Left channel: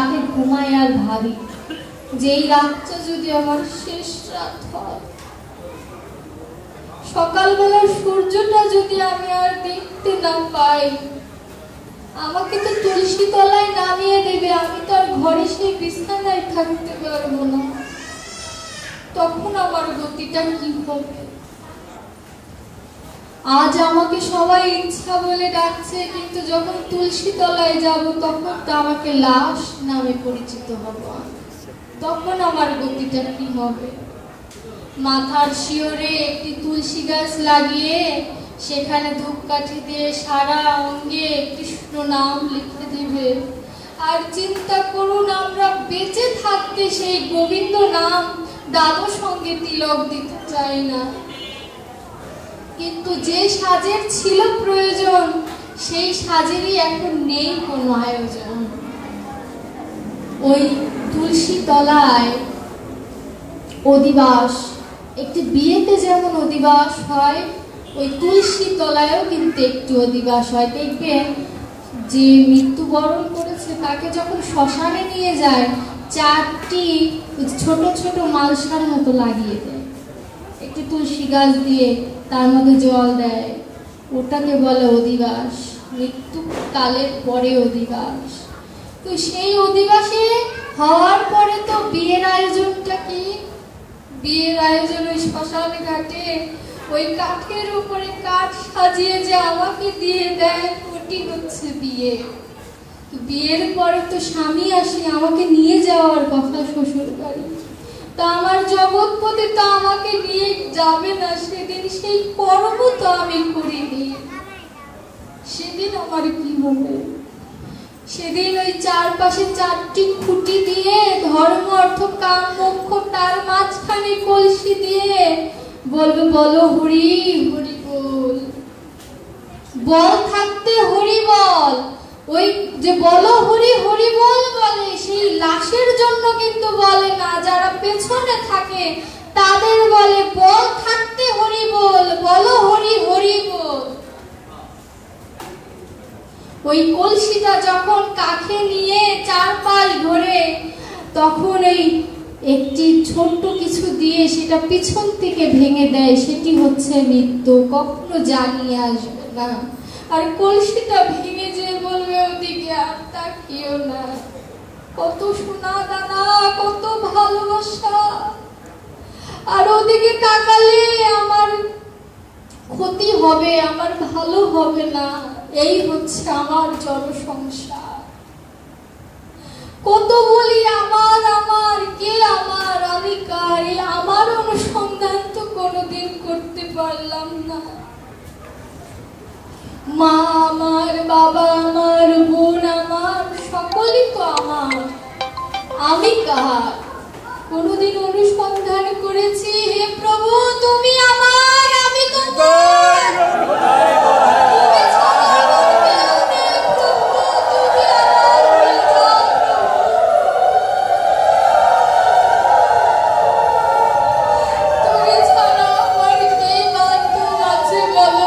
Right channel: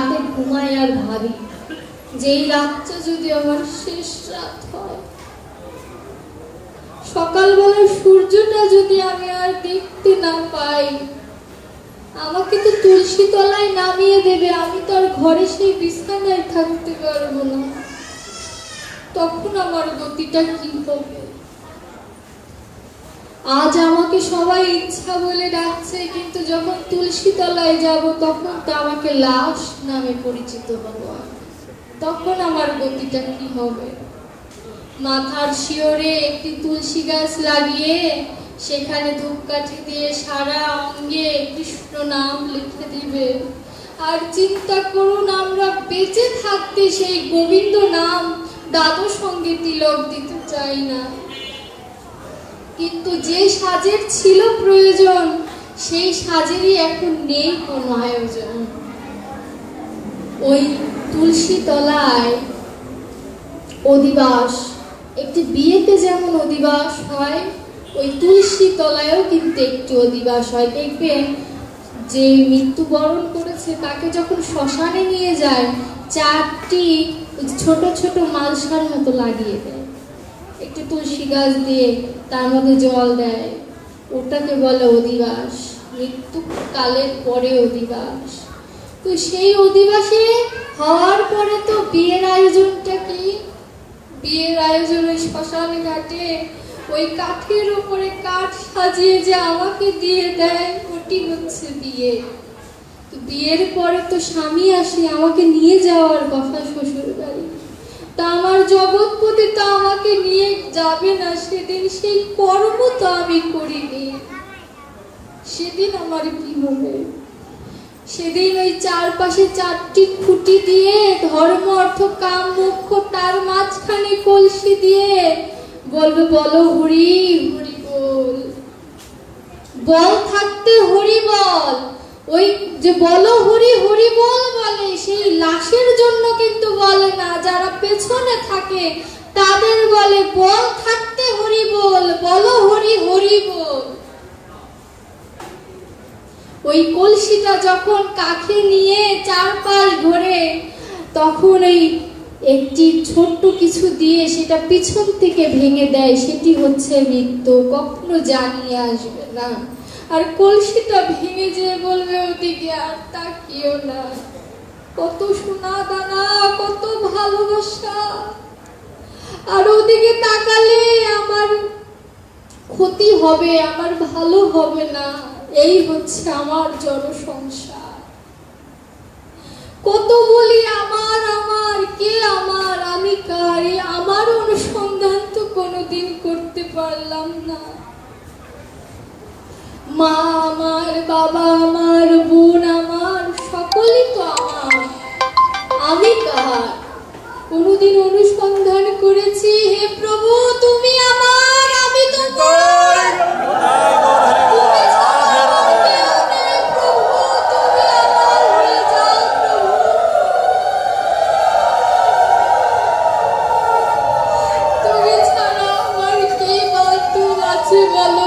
রাতে ঘুমাই আর ভাবি যে এই রাতটা যদি আমার শেষ রাত হয়, সকালবেলার সূর্যটা যদি আমি আর দেখতে না পাই, আমাকে তো তুলসী তলায় নামিয়ে দেবে, আমি তো আর ঘরে সেই বিছানায় থাকতে পারবো না। তখন আমার গতিটা কি হবে? আজ আমাকে সবাই ইচ্ছা বলে ডাকছে, কিন্তু যখন তুলসী তলায় যাব তখন তো আমাকে লাশ নামে পরিচিত হবো। তখন আমার গতিটা কি হবে? মাথার শিওরে একটি তুলসী গাছ লাগিয়ে সেখানে ধূপকাঠি দিয়ে সারা অঙ্গে কৃষ্ণ নাম লিখে দিবে। আর চিন্তা করুন, আমরা বেঁচে থাকতে সেই গোবিন্দ নাম দ্বাদশ অঙ্গে তিলক দিতে চাই না, কিন্তু যে সাজের ছিল প্রয়োজন সেই সাজেরই এখন নেই কোনো আয়োজন। ওই তুলসী তলায় অধিবাস, একটি বিয়েতে যেমন অধিবাস হয়, ওই তুলসী তলায়ও কিন্তু একটু অধিবাস হয়। দেখবেন যে মৃত্যুবরণ করেছে তাকে যখন শ্মশানে নিয়ে যায়, 4টি ছোট ছোট মালসার মতো লাগিয়ে দেয়, একটি তুলসী গাছ দিয়ে তার মধ্যে জল দেয়, ওটাকে বলে অধিবাস। মৃত্যু কালের পরে অধিবাস। তো সেই অধিবাসে হওয়ার পরে তো বিয়ের আয়োজনটা কি? বিয়ের আয়োজন ওই শ্মশান ঘাটে ওই কাঠের উপরে কাঠ সাজিয়ে যে আমাকে দিয়ে দেন, ওটি হচ্ছে বিয়ে। তো বিয়ের পরে তো স্বামী আসে আমাকে নিয়ে যাওয়ার কথা শ্বশুর বাড়ি, তা আমার জগৎপতি তো আমাকে নিয়ে যাবে না সেদিন, সেই কর্ম তো আমি করিনি, সেদিন আমার কি হবে? সেদিন ওই চারপাশে 4টি খুঁটি দিয়ে ধর্ম অর্থ কাম মোক্ষ, তার মাঝখানে কলসি দিয়ে বলবে বলো হরি হরি বল। বল থাকতে হরি বল। ওই যে বলো হরি হরি বল বলে, সেই লাশের জন্য কিন্তু বলে না, যারা পেছনে থাকে তাদের বলে বল থাকতে হরি বল, বলো হরি হরি বল। ওই কলসিটা যখন কাঁখে নিয়ে চারপাশ ঘুরে, তখন এই একটি ছোট্ট কিছু দিয়ে সেটা পিছন থেকে ভেঙে দেয়, সেটি হচ্ছে মৃত্যু, কখনো জানিয়ে আসবে না। আর কলসিটা ভেঙে যে বলবে ওদিকে আর তাকিও না, কত সোনা দানা, কত ভালোবাসা, আর ওদিকে তাকালে আমার ক্ষতি হবে, আমার ভালো হবে না। এই হচ্ছে আমার জনসংসার। কত বলি আমার আমার, কে আমার, আমি কার, আমার অনুসন্ধান তো কোনোদিন করতে পারলাম না। মা আমার, বাবা আমার, বোন আমার, সকলই তো আমার, আমি কার কোনোদিন অনুসন্ধান করেছি? হে প্রভু, তুমি আমার, আমি তোমার। তুমি ছাড়া আমার কে বান্ধব আছে বলো?